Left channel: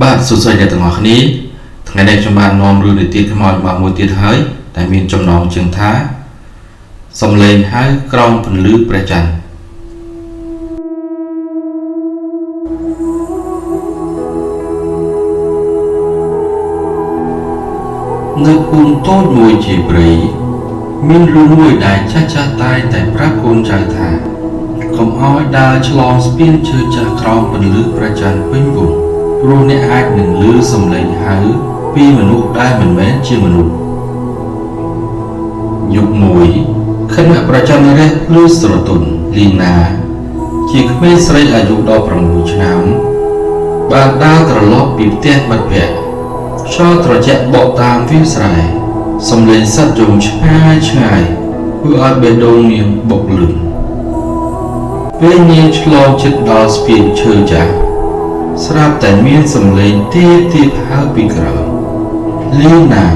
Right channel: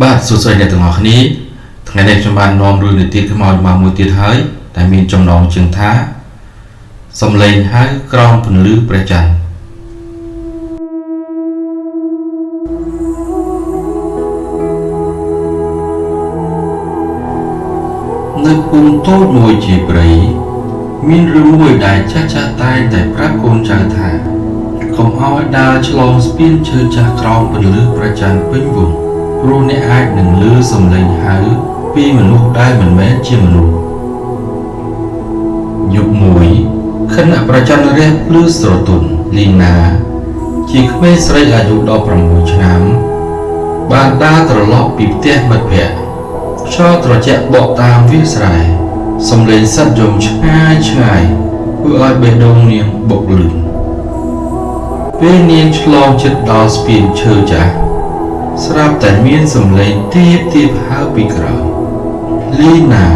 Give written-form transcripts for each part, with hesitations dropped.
បាទសួស្តីអ្នកទាំងអស់គ្នាថ្ងៃនេះខ្ញុំបាននាំរឿងនិទានខ្មោចមកមួយទៀតហើយតែមានចំណងជើងថាសំឡេងហៅក្រោមពន្លឺព្រះច័ន្ទនៅភូមិតូចមួយជាព្រៃមានរឿងមួយដែលចាស់តែងតែប្រាប់កូនចៅថាកុំឲ្យដើរឆ្លងស្ពានឈើចាស់ក្រោមពន្លឺព្រះច័ន្ទពេញវង្សព្រោះអ្នកអាចនឹងឮសំឡេងហៅពីមនុស្សដែលមិនមែនជាមនុស្សយប់មួយខណៈប្រច័ណ្ឌរះភ្លឺស្រទន់លីណាជាក្មេងស្រីអាយុ16ឆ្នាំបានដើរត្រឡប់ពីផ្ទះមិត្តភក្តិខ្យល់ត្រជាក់បក់តាមវាលស្រែសំឡេងសត្វយំឆ្ងាយធ្វើឲ្យបេះដូងនាងបុកលឿនពេលនាងឆ្លងជិតដល់ស្ពានឈើចាស់ស្រាប់តែមានសំឡេងទាបហៅពីក្រោយលីណា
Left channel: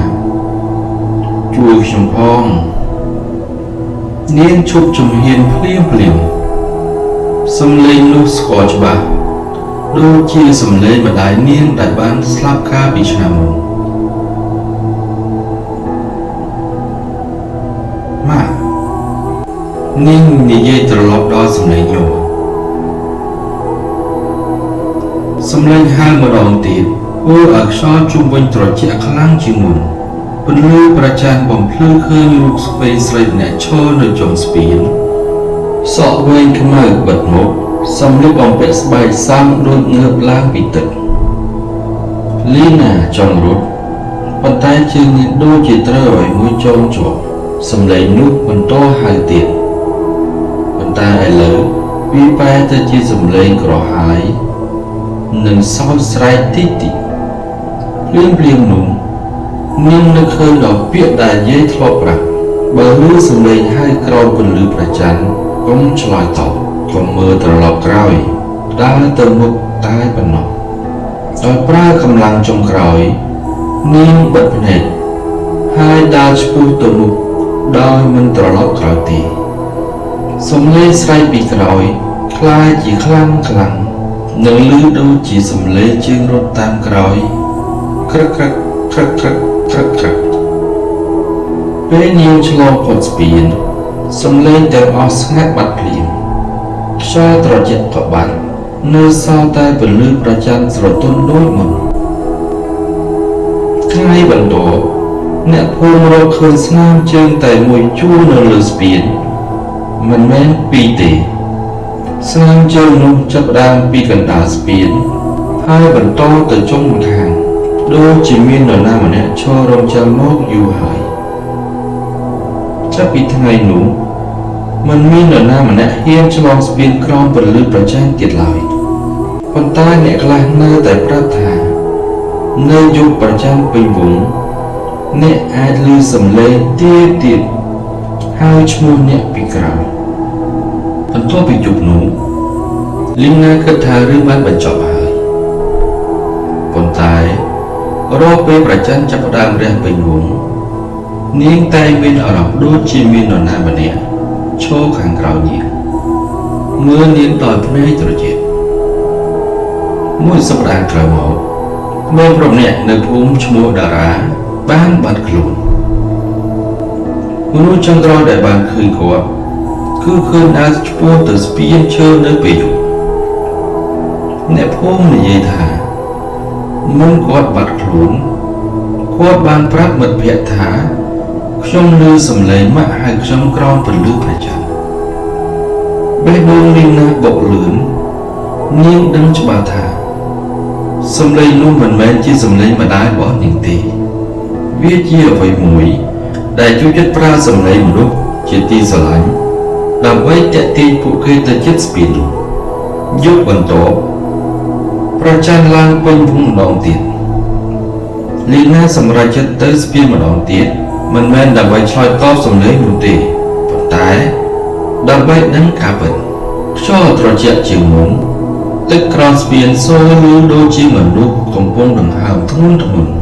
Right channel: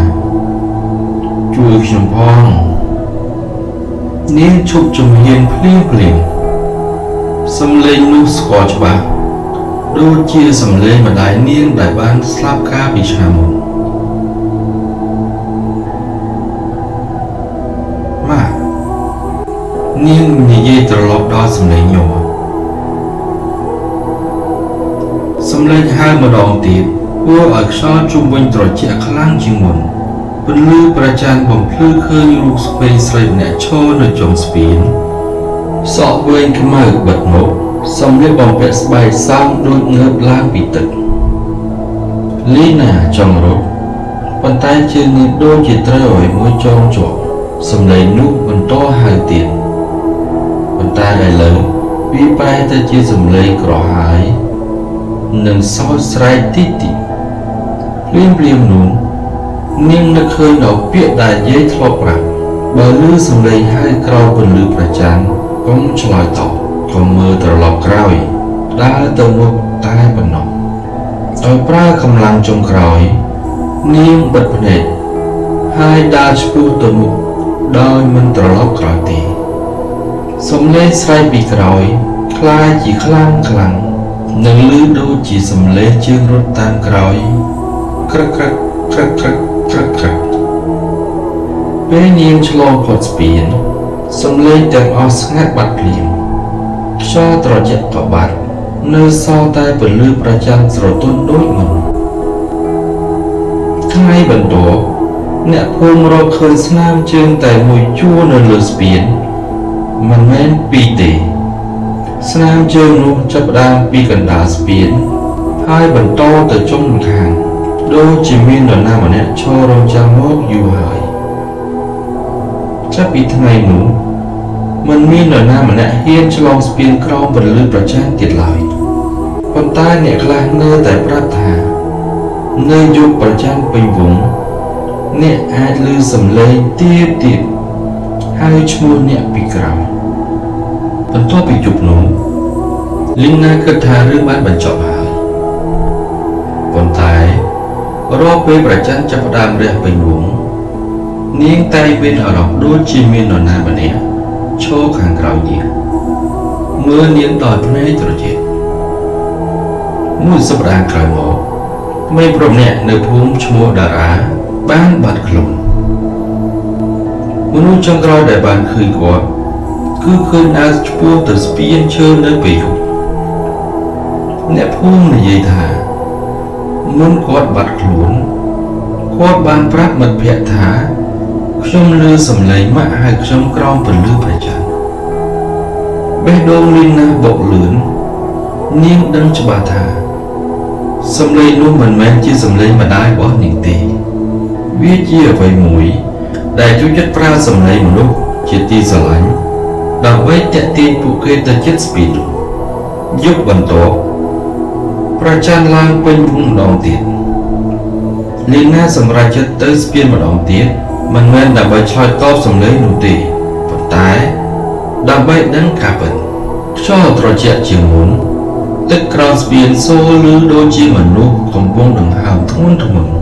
ជួយខ្ញុំផងនាងឈប់ជំហានភ្លាមសំឡេងនោះស្គាល់ច្បាស់ដូចជាសំឡេងម្ដាយនាងដែលបានស្លាប់កាលពីឆ្នាំមុនម៉ាក់នាងនិយាយត្រឡប់ដល់សំឡេងញ័រសំឡេងហៅម្ដងទៀតធ្វើឲ្យខ្យល់ជុំវិញត្រជាក់ខ្លាំងជាងមុនពន្លឺព្រះច័ន្ទបំភ្លឺឃើញរូបស្វែងស្រីម្នាក់ឈរនៅចុងស្ពានសក់វែងខ្មៅបិទមុខសម្លៀកបំពាក់ស្បែកសោមដូចងើបឡើងពីទឹកលីណាចង់រត់ប៉ុន្តែជើងនាងដូចជាត្រូវឲ្យមួយចងជាប់សំឡេងនោះបន្តហៅទៀតប៉ុន្តែឥឡូវវាបែរទៅជាសំឡេងក្រហាយនិងសោកស្រែកតិចភ្លាមនោះនាងនឹកឃើញដល់ពាក្យដែលយាយធ្លាប់ប្រាប់បើឮសំឡេងហៅក្រោមពន្លឺព្រះច័ន្ទកុំឆ្លើយតបកុំមើលត្រឡប់ក្រោយដើរទៅមុខតែប៉ុណ្ណោះដោយប្រើកម្លាំងចុងក្រោយនាងបិទភ្នែកហើយដើរឆ្ពោះទៅមុខដោយមិនត្រឡប់ក្រោយទេសំឡេងស្រែកពីក្រោយคล้ายជាខ្លាំងនិងឮដូចជាសំឡេងជើងរត់តាមក្រោយក្រឹកពេលនាងឆ្លងផុតស្ពានសំឡេងទាំងអស់ស្ងាត់បាត់ភ្លាមខ្យល់ត្រជាក់ក៏បាត់នៅសល់តែពន្លឺព្រះច័ន្ទស្រទន់ដូចមុនថ្ងៃបន្ទាប់អ្នកភូមិរកឃើញស្នាមជើងតែមួយជួរនៅលើស្ពានមិនមែនពីរទេស្នាមជើងនោះចាប់ផ្ដើមពីកណ្ដាលស្ពានហើយបន្តទៅចុងម្ខាងដូចជាមាននរណាម្នាក់ឈររងចាំមកយូរហើយចាប់ពីថ្ងៃនោះមិនមាននរណាម្នាក់ហ៊ានឆ្លងស្ពានក្រោមពន្លឺព្រះច័ន្ទទៀតឡើយប៉ុន្តែអ្នកខ្លះនៅតែប្រាប់ថានៅយប់ព្រះច័ន្ទពេញវង្សអ្នកអាចឮសំឡេងទាបហើយឈ្មោះអ្នកពីក្រោយបន្ទាប់ពីយប់នោះលីណាគិតថារឿងបានបញ្ចប់ហើយប៉ុន្តែរាល់ពេលព្រះច័ន្ទចាប់ផ្ដើមរះពេញវង្សនាងតែមានអារម្មណ៍ដូចជាមាននរណាម្នាក់ឈរខាងក្រោយនាងមើលនាងដោយភ្នែកត្រជាក់មួយសប្តាហ៍ក្រោយមកក្មេងប្រុសម្នាក់នៅភូមិឈ្មោះតារាបានបាត់ខ្លួនមនុស្សចុងក្រោយដែលបានឃើញគាត់គឺឃើញដើរឆ្ពោះទៅស្ពានឈើនៅពេលយប់អ្នកភូមិនិយាយថាមុនគាត់បាត់ខ្លួនគាត់បានប្រាប់មិត្តភក្តិថាខ្ញុំឮសំឡេងម៉ាក់ហៅខ្ញុំក្រោមពន្លឺព្រះច័ន្ទបេះដូងលីណាបុកលឿននាងដឹងច្បាស់ថាសំឡេងនោះមិនមែនជាសំឡេងម្ដាយរបស់នាងទេវាជាអ្វីមួយដែលជួយចិត្តប្រើសំឡេងមនុស្សជាទីស្រឡាញ់ដើម្បីទាក់ទាញពួកគេទៅជិតស្ពាននោះយប់បន្ទាប់ព្រះច័ន្ទឡើងពេញវង្សម្ដងទៀតលីណាសម្រេចចិត្តទៅស្ពានម្ដងទៀតមិនមែនដើម្បីឆ្លើយតបសំឡេងនោះទេប៉ុន្តែដើម្បីដឹងការពិតខ្យល់ត្រជាក់ជាងមុនទឹកក្រោមស្ពានសូរឮដូចជាមនុស្សកំពុងដង្ហើមធ្ងន់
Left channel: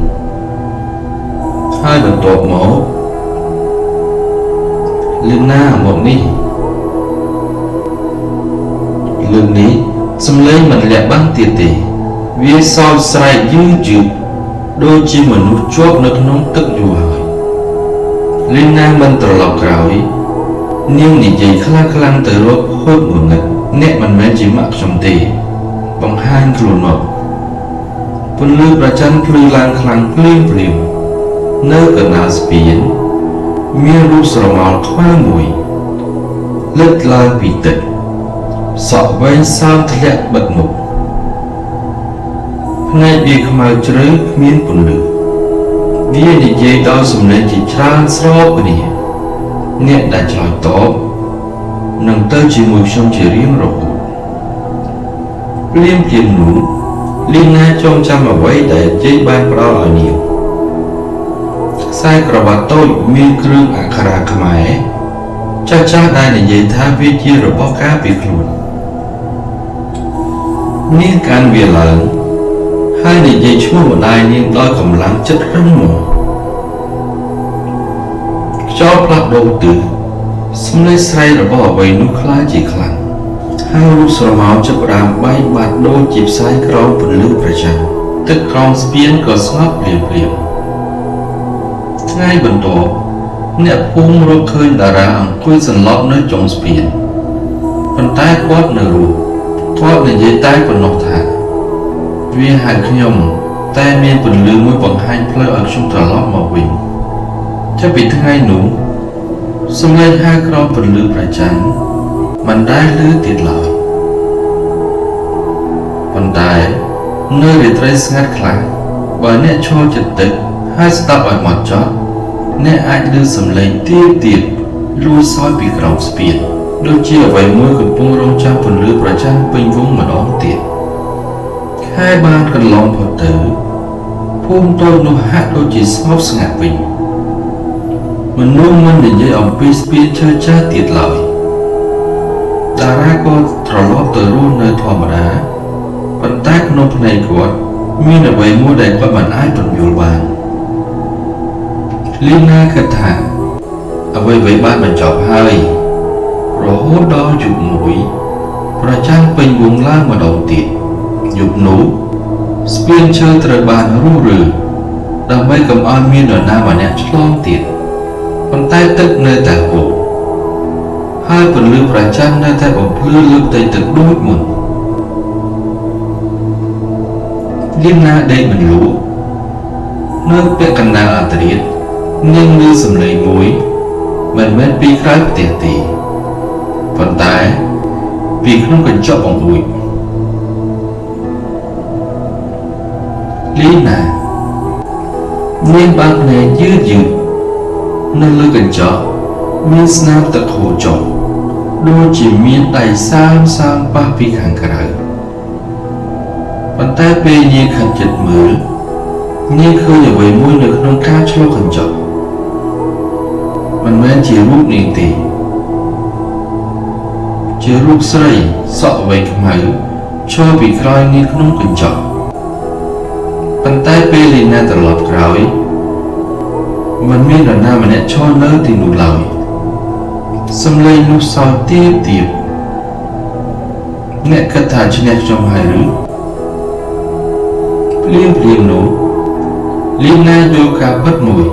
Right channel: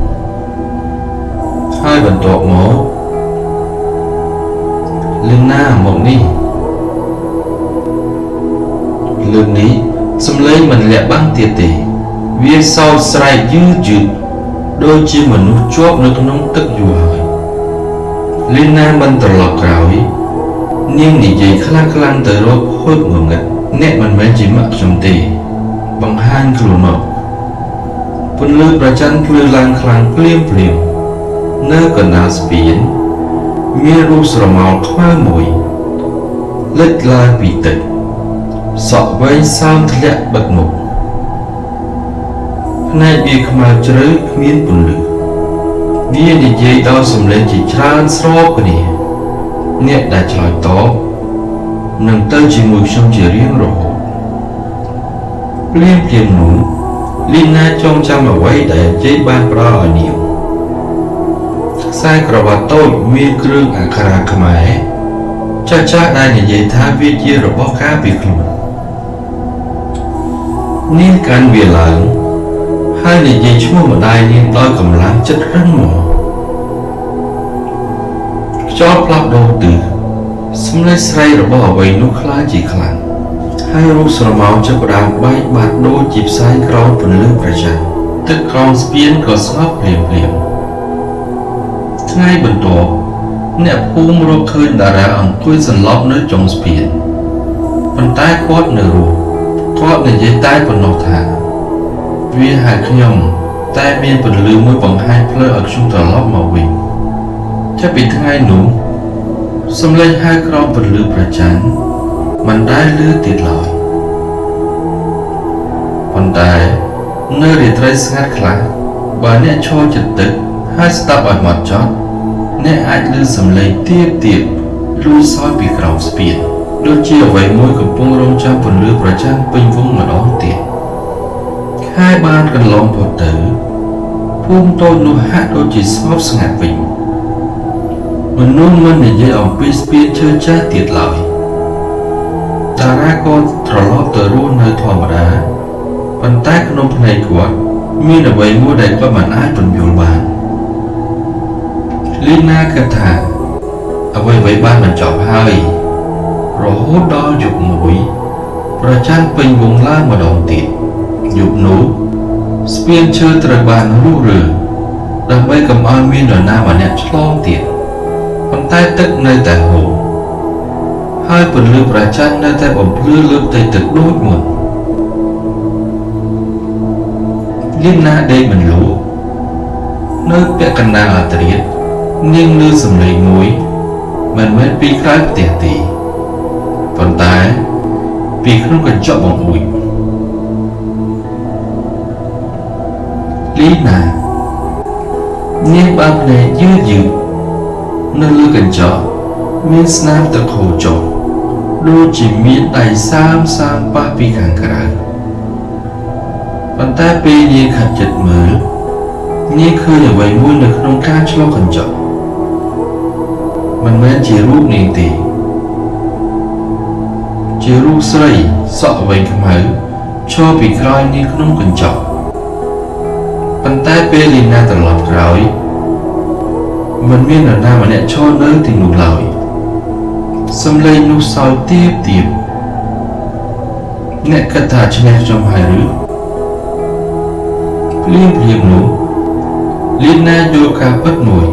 ហើយបន្ទាប់មកលីណាមកនេះលើកនេះសំឡេងមិនលាក់បាំងទៀតទេ វាសោចស្រែកយឺតដូចជាមនុស្សជាប់នៅក្នុងទឹកយូរហើយលីណាមិនត្រឡប់ក្រោយនាងនិយាយខ្លាំងៗទៅរកហូតងងឹតអ្នកមិនមែនជាម៉ាក់ខ្ញុំទេបង្ហាញខ្លួនមកពន្លឺព្រះច័ន្ទភ្លឺឡើងខ្លាំងភ្លាមនៅកណ្ដាលស្ពានមានរូបស្រមោលខ្មៅមួយលេចឡើងពីទឹកសក់វែងសើមធ្លាក់បិទមុខភ្នែកវាខ្មៅជ្រៅគ្មានពន្លឺវានិយាយដោយសំឡេងជាច្រើនស្របគ្នាអ្នកដែលឆ្លើយតបនឹងទៅជាមួយខ្ញុំជារៀងរហូតភ្លាមនោះលីណាចងចាំអ្វីដែលជ័យបានផ្ដល់ឲ្យនាងខ្សែក្រវ៉ាត់តូចមានគ្រឿងអក្ខរាខ្មែរចាស់ដែលនិយាយថាវាជារបស់ការពារខ្លួននាងកាន់វាឡើងហើយនិយាយឈ្មោះម្ដាយនាងដោយកម្លាំងចិត្តរឹងមាំខ្យល់ផ្លាស់ប្ដូរទិសសំឡេងស្រែករបស់អ្វីនោះខ្លាចជាខ្លាំងហើយរូបស្រមោលចាប់ផ្ដើមបែកបាត់ដូចជាផ្សែងក្រោមពន្លឺព្រះច័ន្ទទឹកក្រោមស្ពានក៏ស្ងប់ភ្លាមថ្ងៃបន្ទាប់អ្នកភូមិរកឃើញតារាអង្គុយសន្លប់នៅចុងស្ពានប៉ុន្តែគាត់នៅរស់គាត់និយាយតែប៉ុណ្ណោះថាវាហៅខ្ញុំតែមានពន្លឺមួយបង្ហាញផ្លូវឲ្យខ្ញុំត្រឡប់មកវិញចាប់ពីថ្ងៃនោះសំឡេងហៅក្រោមពន្លឺព្រះច័ន្ទមិនដែលឮទៀតឡើយប៉ុន្តែនៅរាត្រីស្ងាត់ខ្លាំងបើអ្នកឈរជិតទឹកហើយស្ដាប់ឲ្យហ្មត់ចត់អ្នកអាចឮសំឡេងទៀតលួចសោយពីក្រោមស្ពានដូចជាអ្វីមួយកំពុងរងចាំពន្លឺព្រះច័ន្ទពេញវងម្ដងទៀតខែបានកន្លងផុតទៅភូមិតូចនោះហាក់ដូចជាស្ងប់ស្ងាត់វិញមនុស្សមិននិយាយអំពីស្ពានឈើចាស់ទៀតឡើយតារាក៏ត្រឡប់ទៅរស់នៅធម្មតាប៉ុន្តែក្នុងភ្នែកគាត់មានអ្វីមួយដែលគាត់មិនអាចពន្យល់បានលីណាគិតថាអ្វីបានបញ្ចប់ហើយរហូតដល់យប់មួយព្រះច័ន្ទពេញវងឡើងម្ដងទៀតយប់នោះស្ពានឈើត្រូវបានរុះរើដើម្បីកុំឲ្យមាននរណាម្នាក់ឆ្លងទៀតប៉ុន្តែទឹកនៅតែហូរហើយពន្លឺព្រះច័ន្ទនៅតែបំភ្លឺលើផ្ទៃទឹកដូចមុនលីណាដេកមិនលក់នៅពាក់កណ្ដាលអធ្រាត្រនាងឮសំឡេងមួយមិនមែនពីក្រៅផ្ទះទេប៉ុន្តែពីក្នុងកញ្ចក់បង្អួចលីណានាងបើកភ្នែកយឺតនៅលើកញ្ចក់មានស្នាមទឹកហូរចុះដូចជាមានដៃសើមប៉ះពីខាងក្រៅប៉ុន្តែពេលនាងខិតជិតមើលនាងឃើញអ្វីមួយនៅក្នុងការឆ្លុះកញ្ចក់មិនមែនជារូបនាងទេជារូបស្រីសក់វែងខ្មៅឈរពីក្រោយនាងក្នុងកញ្ចក់ប៉ុន្តែពេលលីណាត្រឡប់ក្រោយមិនមាននរណាម្នាក់ឈរនៅទីនោះឡើយសំឡេងនោះសោយទាបអ្នកគិតថាឈ្នះខ្ញុំហើយឬភ្លាមនោះលីណាយល់ការពិតមួយ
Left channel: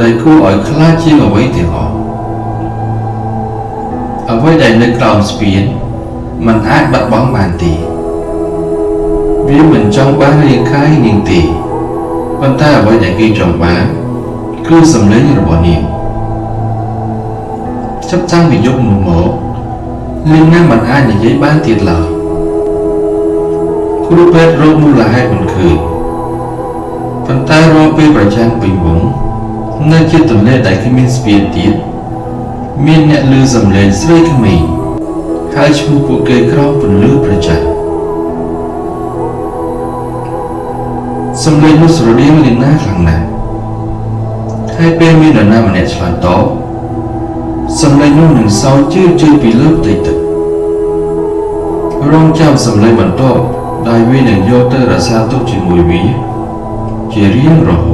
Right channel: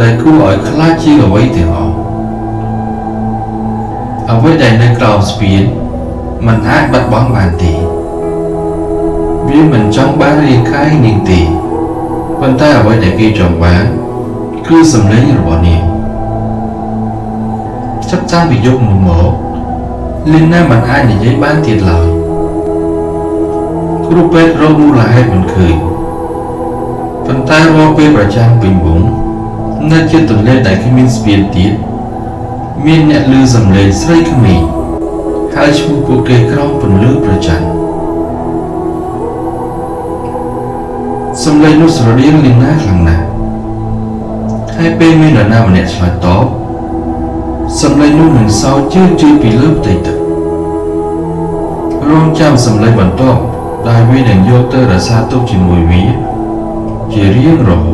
ដែលគួរឲ្យខ្លាចជាងអ្វីទាំងអស់អ្វីដែលនៅក្រោមស្ពានมันអាចបាត់បង់បានទេវាមិនចង់បានរាងកាយនាងទេប៉ុន្តែអ្វីដែលគេចង់បានគឺសំឡេងរបស់នាងចាប់តាំងពីយប់នោះមកលីណាមិនអាចនិយាយបានទៀតឡើយគ្រូពេទ្យរកមូលហេតុមិនឃើញប៉ុន្តែរាល់ពេលប្រចាំពេញវងនៅជិតទន្លេដែលគ្មានស្ពានទៀតមានអ្នកឮសំឡេងស្រីក្មេងហើយឈ្មោះពួកគេក្រោមពន្លឺព្រះច័ន្ទសំឡេងនោះស្រដៀងលីណាខ្លាំងណាស់ហើយពេលមាននរណាម្នាក់ឆ្លើយតបសំឡេងនោះនឹងសោយជឿនពីលើផ្ទៃទឹករងចាំសំឡេងបន្ទាប់ដែលវានឹងយកទៅរក្សាទុកជាមួយវាជារៀងរហូត